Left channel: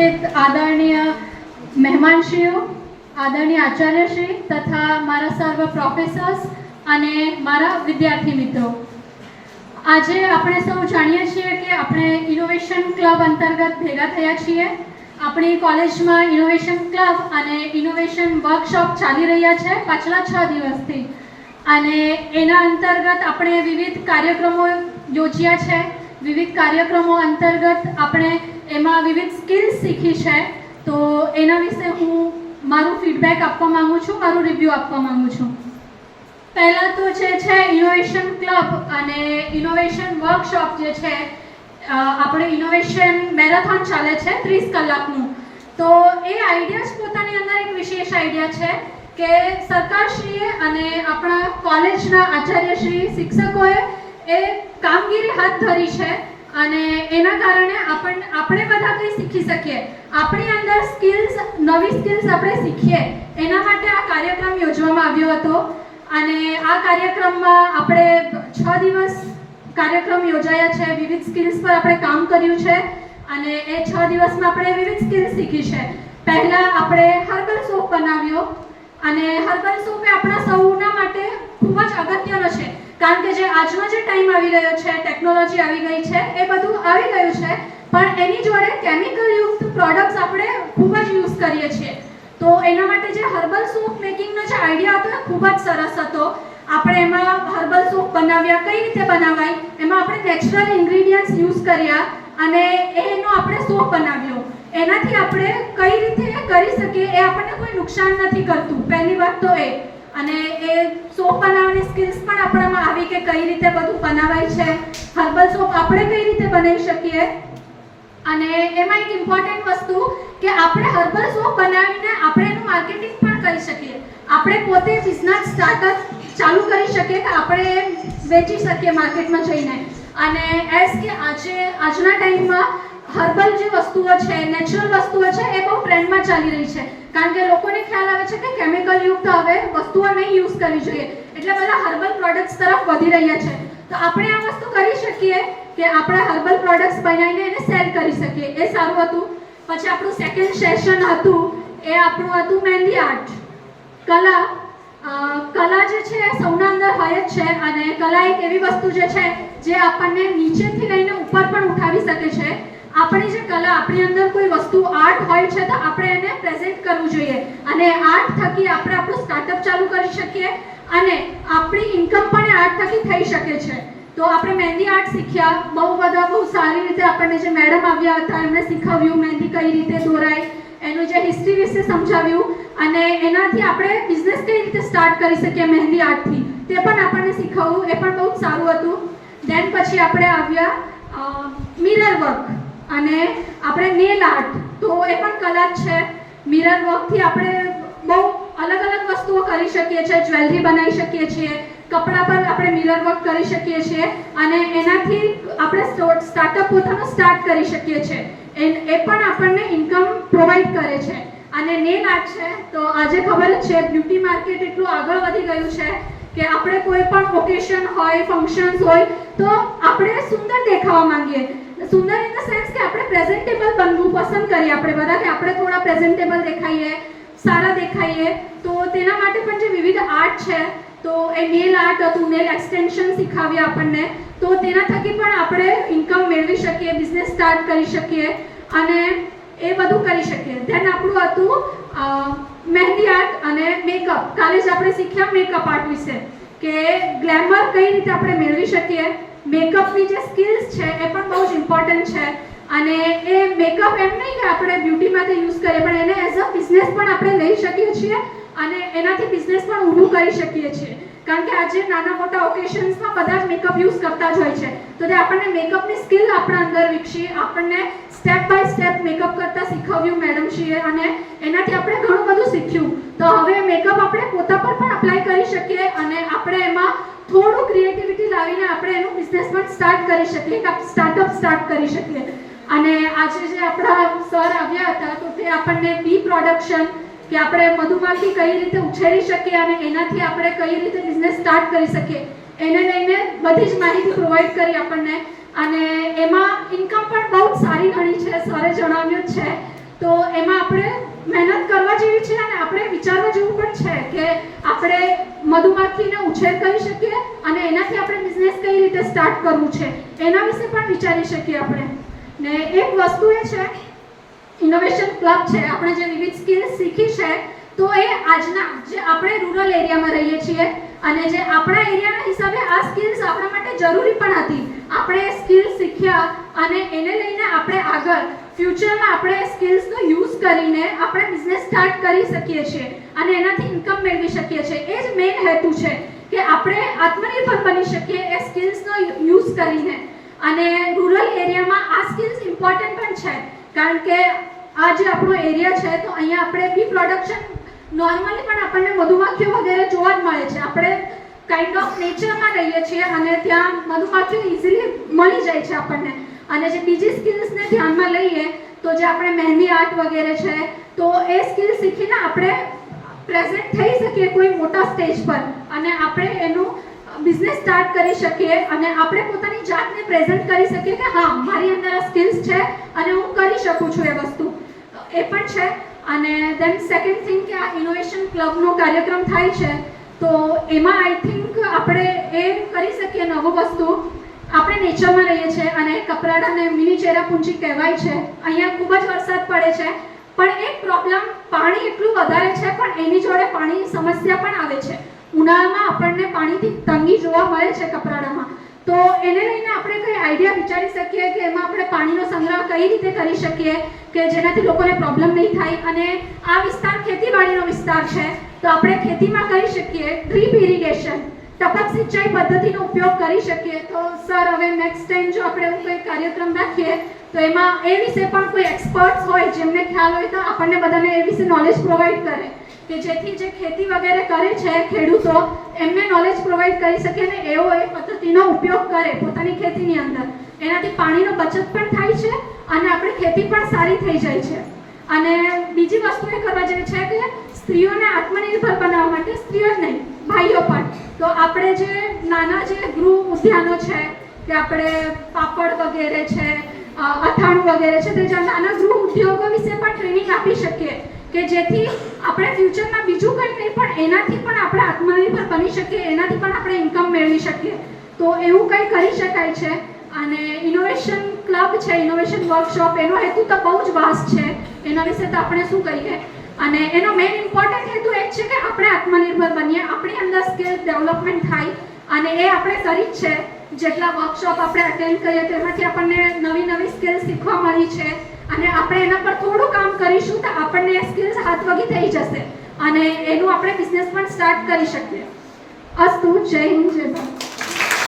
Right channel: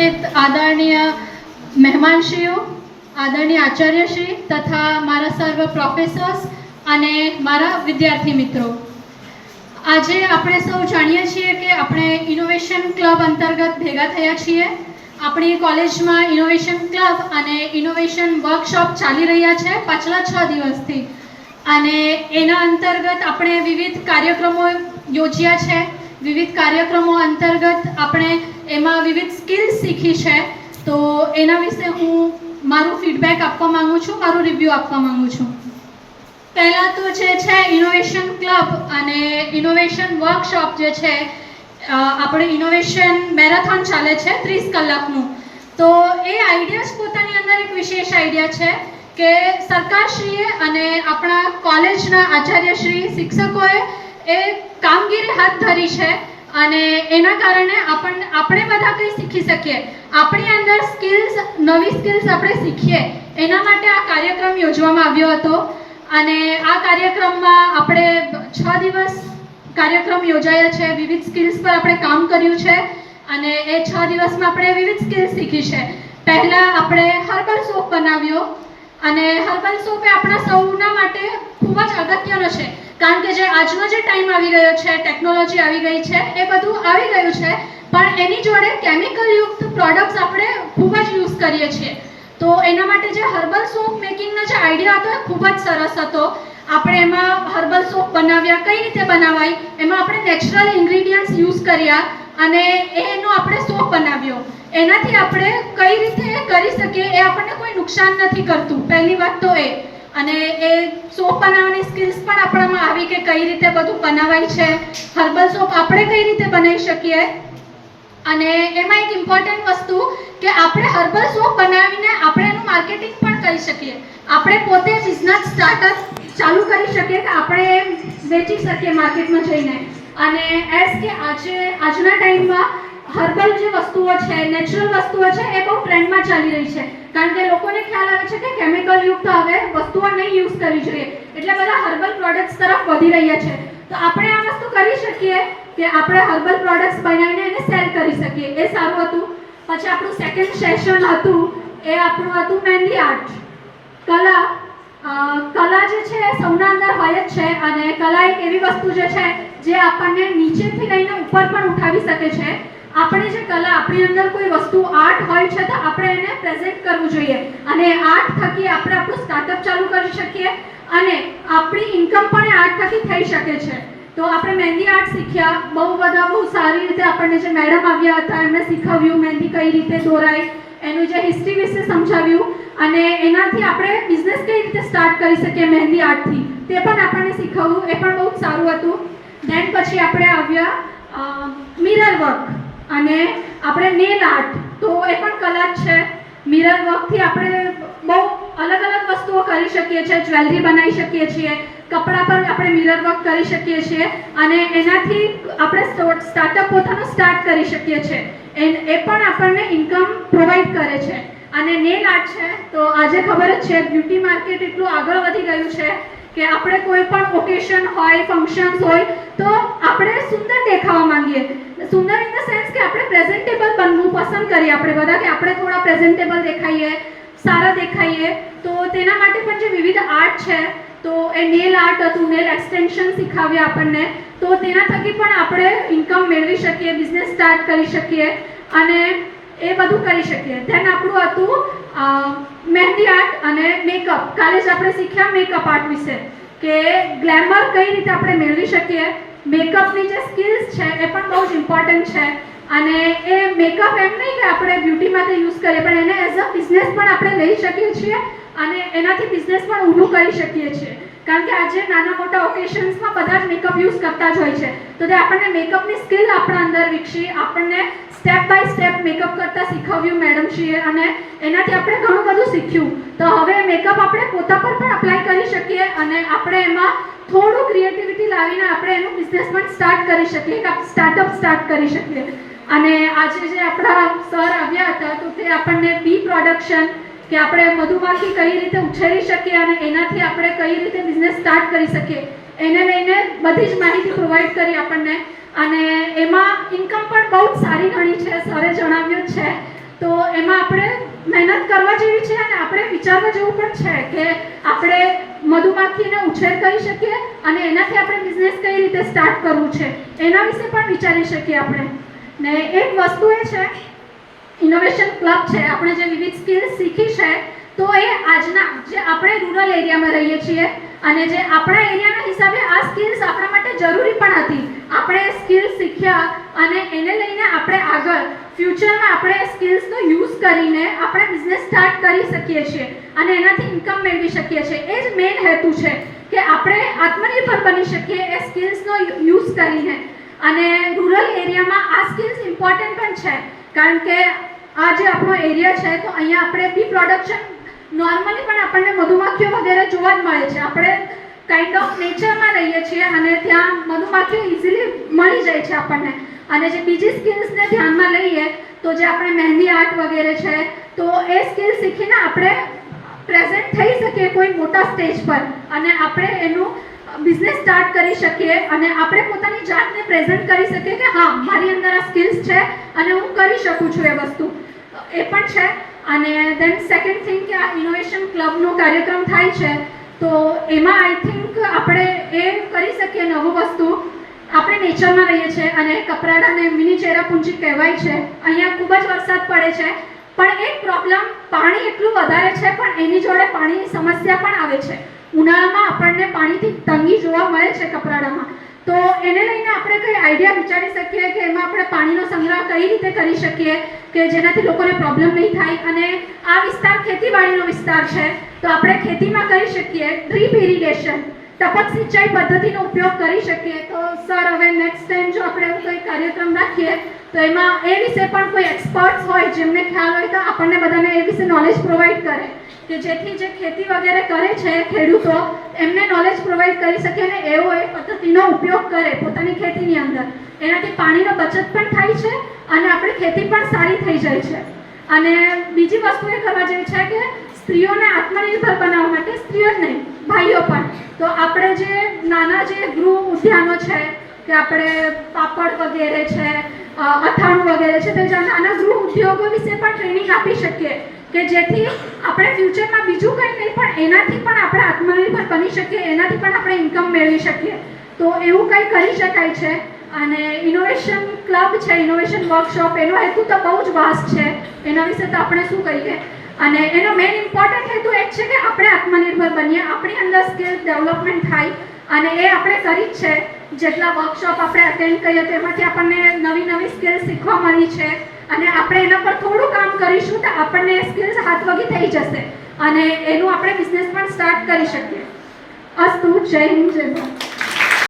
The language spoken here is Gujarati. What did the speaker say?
आदरणीय મહેમાનશ્રીઓ, આદરણીય આચાર્યશ્રી તથા મારા સર્વ પ્રોફેસર્સ અને મારા વિદ્યાર્થી મિત્રો, આજે આપણે સૌ જાણીએ છીએ કે આપણે ઇનોવેશન ક્લબ અંતર્ગત ભેગા થયા છીએ. આપણી કોલેજમાં ઇનોવેશન ક્લબ અને ઇનોવેશન વર્કશોપ ચાલી રહ્યા છે પાછલા 6 દિવસથી, અને એના અંતર્ગત આપણે વિવિધ કાર્યક્રમો યોજ્યા છે. વિવિધ કાર્યક્રમો અંતર્ગત આપણે એમાં વિવિધ સ્કિલ્સ શીખી છે. તો એના વિશે હું મારું ફીડબેક આપવા માંગુ છું, મારું રિવ્યૂ આપવા માંગુ છું. પહેલાં તો જે છે ઇનોવેશન ક્લબ અને ઇનોવેશન વર્કશોપ જે છે, આપણે ઇનોવેશન મેરેથોન ચાલે છે 30 કલાકનું. તો એ આઈડિયા જ પોતાની અંદર એક વિશેષ આઈડિયા છે કે સરકારશ્રીએ અને આપણા કોલેજના આચાર્યશ્રી, શિક્ષકોએ એ કામગીરી હાથ ધરી છે અને એના કારણે આપણે બધા કંઈ શીખી શકીએ, આપણી અંદર સ્કિલ્સ, નવી સ્કિલ્સ આપણે શીખીએ, એના માટે આ કાર્યક્રમ યોજવામાં આવ્યો હતો. અને આ કાર્યક્રમમાં આપણે 6 દિવસ કાર્યક્રમ યોજાયા છે. વિવિધ સ્કિલ્સ પર આપણે કામ કર્યું છે અને એ 6 દિવસમાં આપણે વિવિધ સ્કિલ્સ શીખી છે. પહેલાં આપણે હર્બલ સોપ બનાવ્યો, અને હર્બલ સોપ એ આપણા સૌના માટે ખૂબ જ અગત્યનો છે, કારણ કે જે આજનો જે ટાઈમ આવી ગયો છે, ટેકનોલોજી આવી ગઈ છે, એ બધું આવી ગયું છે, પણ એની જોડે કેમિકલયુક્ત પ્રોડક્ટ્સ આપણે ખૂબ જ યુઝ કરીએ છીએ. તો એના માટે જે હર્બલ સોપ મેકિંગનો જે આઈડિયા હતો એ ખૂબ જ સરસ હતો. આપણે એમાં હર્બલ સોપ બનાવ્યા, કઈ રીતે બનાવાય, એમાં આપણે નેચરલ ઇન્ગ્રીડિયન્ટ્સ યુઝ કર્યા અને એનો આપણે સોપ બનાવ્યો. એનાથી આપણે કઈ રીતે કરી શકીએ, એ આપણને કોઈ નુકસાન નથી કરતું, પહેલી વાત તો એ. અને એ સોપ બનાવવાની સ્કિલ્સ પણ આપણામાં આવી કે કઈ રીતે બધું બનાવાય છે, હર્બલ સોપ આપણે કઈ રીતે બનાવી શકીએ. અને એમાં એક ઇમ્પોર્ટન્ટ વસ્તુ કે આપણે હર્બલ સોપ બનાવીને આપણે એનું માર્કેટિંગ પણ કરી શકીએ. આપણે પોતે બિઝનેસ સ્ટાર્ટઅપ ચાલુ કરી શકીએ કે આપણે વેચી શકીએ માર્કેટમાં જઈને. અને એઝ કે આજના ટાઈમમાં હર્બલ જે વસ્તુઓ છે, નેચરલ વસ્તુઓ છે, એ બહુ ટ્રેન્ડમાં ચાલી રહી છે, કારણ કે લોકોને ખ્યાલ આવે છે કે કેમિકલયુક્ત હવે વસ્તુઓ નહીં યુઝ કરવી જોઈએ, એટલે બધા હર્બલ પ્રોડક્ટ્સ તરફ વધી રહ્યા છે. તો આપણે આ વસ્તુ કરી શકીએ કે આપણે હર્બલ પ્રોડક્ટ્સ બનાવીને એને સેલ કરી શકીએ, એ સારું હતું. પછી આપણું સેકન્ડ સેશન હતું, એ આપણું હતું મહેંદી આર્ટ, કલા. કલા જે છે એ સૌના અંદર હોય જ છે, અને કલા એક એવી વસ્તુ જે છે જે આપણને નીચેથી લઈને ઉપર પણ ઉઠાવી શકે છે. આપણી જે કલા, આપણી અંદર કોઈ વસ્તુ આર્ટ હોય છે, તો આપણે એને પ્રેઝન્ટ કરવું જોઈએ, અને આર્ટ થકી આપણે આપણું સ્ટાર્ટઅપ ચાલુ કરી શકીએ, અને આપણી ઇન્કમ પણ આર્ટ થકી થઈ શકે છે. તો આપણે મહેંદી આર્ટ શીખ્યા, બહુ સારી રીતે આપણને જે મેડમ આવ્યા હતા એમણે શીખવ્યું મહેંદી કઈ રીતે દોરાય, એનું જે હિસ્ટ્રી વિશે સમજાવ્યું, અને એનાથી આપણે બિઝનેસ કઈ રીતે સ્ટાર્ટ કરી શકીએ મહેંદી આર્ટથી, તે પણ આપણને શીખવ્યું, એ પણ બહુ સારું હતું. દેન પછી આપણે આવ્યા મિરર વર્ક અને આપણે નેલ આર્ટ. તો એ પણ કલા જ છે. મિરર વર્કથી આપણે બહુ અલગ અલગ વસ્તુઓ કરી શકીએ છીએ, જ્વેલરી બનાવી શકીએ છીએ, કપડા પર આપણે મિરર વર્ક કરી શકીએ છીએ, અને એનાથી આપણે સ્ટાર્ટઅપ પોતાનું સ્ટાર્ટ કરી શકીએ છીએ. એ પણ આપણને ઇન્કમ પ્રોવાઈડ કરે છે. અને નેલ આર્ટ છે, તો આજે ખબર જ છે બ્યુટી માર્કેટ એટલું આગળ વધી ગયું છે કે આપણે કોઈ પણ ઓકેશન હોય, ફંક્શન્સ હોય, તો આપણે સુંદર દેખાવા માંગીએ. સુંદર ઇન ધ સેન્સ કે આપણે પ્રેઝન્ટેબલ બનવું પસંદ કરીએ આપણે બધા, કે આપણે થોડા પ્રેઝન્ટેબલ દેખાઈએ, સારા દેખાઈએ. તો તેના માટે પણ જે વિવિધ આર્ટ છે, તો એ નેલ આર્ટ હતું, નેલ એક્સટેન્શન શીખાવ્યા આપણને, તો તેના થકી પણ આપણે ઇન્કમ મેળવી શકીએ, બિઝનેસ સ્ટાર્ટ કરી શકીએ, અને એ બધું કરી શકીએ. ધેન આપણું હતું મહેંદી આર્ટ અને મેકઅપ. કાલે જ આપણે શીખ્યા મેકઅપ આર્ટ વિશે, કે ગ્લેમર કઈ રીતે આપણે મેળવી શકીએ. મેકઅપની જે સ્કિલ્સ છે એ પણ બહુ જ ઇમ્પોર્ટન્ટ છે, અને એ મેકઅપ એમ નહીં કે આપણે બ્યુટી માટે યુઝ કરીએ, પણ એને એઝ અ બિઝનેસ પણ આપણે લઈ શકીએ છીએ, અને એનાથી બિઝનેસ પણ ઊભું કરી શકીએ છીએ. કારણ કે આજે નાના મોટા ઓકેશન્સમાં બધા જ મેકઅપ યુઝ કરતા જ હોય છે, તો તે આપણને મેકઅપની સ્કિલ આપણા અંદર વિકસી, આપણને સ્ટેપ બાય સ્ટેપ મેકઅપ કરતા શીખવ્યું મેડમશ્રીએ, અને એનાથી આપણે ઘણું બધું શીખ્યું. તો હવે મેકઅપ આપણે પોતા પર પણ અપ્લાય કરી શકીએ, અને આપણે એમાં થોડું ક્રિએટિવિટી લાવીને આપણે એનું બિઝનેસ પણ સ્ટાર્ટ કરી શકીએ, સ્ટાર્ટઅપ સ્ટાર્ટ કરી શકીએ. અને આજે જે આપણા સર આવ્યા હતા, તો તે આપણને બી પ્રોડક્શન, કે આપણે મધુમાખી કઈ રીતે ઉછેરી શકીએ અને એનાથી આપણે કઈ રીતે બિઝનેસ સ્ટાર્ટ કરી શકીએ, એને લઈને બધી જ માહિતી પ્રોવાઈડ કરી આપણને. અને એમાં ઇન્કમ પણ બહુ સારી ઘણી છે, સરે જણાવ્યું છે. તો એમાં આપણે મહેનત કરવા જેવી છે અને આપણે વિચારવા જેવું પણ છે કે આપણે મધુમાખીને ઉછેર કરી શકીએ અને એનાથી આપણે બિઝનેસ કઈ રીતે સ્ટાર્ટ કરવું છે એના વિશે પણ વિચારી શકીએ આપણે. ને એક વસ્તુ એ છે ઇનોવેશન ક્લબ છે, આપણે જે વિવિધ સ્કિલ્સ શીખી છે તો એ આજના જે આપણે રૂરલ એરિયામાં રહીએ છીએ અને જે આપણા એરિયાના હિસાબે આ સ્કિલ્સ આપણા માટે જરૂરી પણ હતી. આપણે સ્કિલ્સ શીખ્યા અને એને લઈને આપણે આગળ ફ્યુચરમાં આપણે સ્કિલ્સનો યુઝ કરીને આપણે બિઝનેસ સ્ટાર્ટ કરી શકીએ છીએ અને એનાથી ઇન્કમ મેળવી શકીએ છીએ. એ જ મેઇન હેતુ છે કે આપણે આત્મનિર્ભર બની શકીએ એ સ્કિલ્સનો યુઝ કરીને. અને રૂરલ એરિયામાં આ સ્કિલ્સ ઇમ્પોર્ટન્ટ પણ છે કારણ કે આ જે આપણો એરિયા છે તો અહીંયા આપણે બી પ્રોડક્શન નોર્મલી પણ આપણને મધુમાખીઓ વગેરે જોવા જ મળે છે. આપણે કાઇન્ડ ઓફ નેચરમાં રહીએ છીએ અને ત્યાં મધુમાખીઓ ઇઝીલી મળી જાય છે આપણને. અને જે બીજી સ્કિલ્સને ધ્યાનમાં લઈએ તો જે આપણે મહેંદી આર્ટ વગેરે છે તો એ સ્કિલ શીખીને આપણે પ્રેઝન્ટ થઈ શકીએ કોઈ મોટા સ્ટેજ પર અને આપણે એનું બિઝનેસ સ્ટાર્ટ કરી શકીએ અને આપણે પોતાની જાતને પ્રેઝન્ટ કરી શકીએ કે હા મારી અંદર આ સ્કિલ્સ છે અને હું કરી શકું છું એ વસ્તુ. એ પણ છે. અને દેન સેકન્ડ થિંગ કે આ ઇનોવેશન ક્લબનો કાર્યક્રમ થાય છે તો એમાં આઈ થિંક આપણે એ કરી શકીએ નવું વસ્તુ. આપણે નેચરમાં રહીએ છીએ અને કપરાડાને મિની ચેરાપુંજી કહેવાય છે. અહીંયા ખૂબ જ વરસાદ પડે છે પણ એક પ્રોબ્લેમ પાણી એટલું વધારે છે પણ એની જોડે પાણીની સમસ્યા પણ આવે છે. ઉનાળામાં આપણને પાણીથી તંગી જોવા મળે છે કપરાડામાં. તો એને લઈને આપણે કઈ આઈડિયા વિચારી શકીએ કે એમાં આપણે પાણીનો સંગ્રહ કઈ રીતે કરી શકીએ કે જેનાથી લોકોને પ્રોબ્લેમ નહીં થાય. અને આ વિસ્તાર ખેતીવાડીનો વિસ્તાર છે તો આપણે ખેતીમાં કરી શકીએ ડ્રીપ ઇરિગેશન, ટપક સિંચાઈ પદ્ધતિનો ઉપયોગ કરી શકીએ. તો સર હવે નેક્સ્ટ ટાઈમ જો આપણે એવું કંઈ કાર્યક્રમ રાખીએ તો એમાં એ વિશે પણ કોઈ એક્સપર્ટ્સ હોય જેમને ખ્યાલ હોય તો આપણને બધાને એ વિશે નોલેજ પ્રોવાઈડ કરે કે જેથી જે ખેતી વગેરે કરે છે ખેડૂતો એમને નોલેજ પ્રોવાઈડ કરી શકે અને એવો એ પદ્ધતિનો ઉપયોગ કરે પોતાની ખેતીની અંદર. એનાથી પાણીનો બચત પણ થાય છે અને આપણી ખેતી પણ સારી થઈ જાય છે. અને બીજી વસ્તુ એ કરવા જેવી છે કે સ્ત્રીઓને આત્મનિર્ભર બનાવવા માટે સ્ત્રીઓ જ નહીં ભાઈઓ પણ તો આપણે જે નાના જે ગૃહ ઉદ્યાનો છે કે આપણે પાપડ વગેરે છે અથાણું વગેરે છે તો નાના ગૃહ ઉદ્યોગો વિશે પણ ટ્રેનિંગ આપી શકીએ કે જેથી આપણે ફ્યુચરમાં બીજું કંઈ નહીં પણ એનાથી પણ આપણે આત્મનિર્ભર બની શકીએ, એનાથી પણ આપણે ઇન્કમ મેળવી શકીએ. તો એવું કંઈ કરી શકાય છે. અને ઇનોવેશન ક્લબ છે, ઇનોવેશન વર્કશોપ, એનો હેતુ તો બહુ જ વાસ્ટ છે. એના વિશે તો આપણે શું કહીએ. અને એનો મેઇન ઇમ્પોર્ટન્ટ હેતુ એ જ છે કે આપણે આત્મનિર્ભર બનીએ, આપણી અંદર સ્કિલ ડેવલપમેન્ટ થાય અને એ આપણે કરી જ છે. જેટલા વર્કશોપ આપણે અટેન્ડ કરીએ તેમાંથી આપણને નવી નવી સ્કિલ શીખવા મળી છે અને આપણે એના પર થોડું કામ કરીશું તો આપણને એ સ્કિલ્સ હાથવગી થઈ જશે અને એનું આપણે બિઝનેસ પણ સ્ટાર્ટ કરી શકીએ. અસ્તુ. જય હિન્દ, જય ભારત.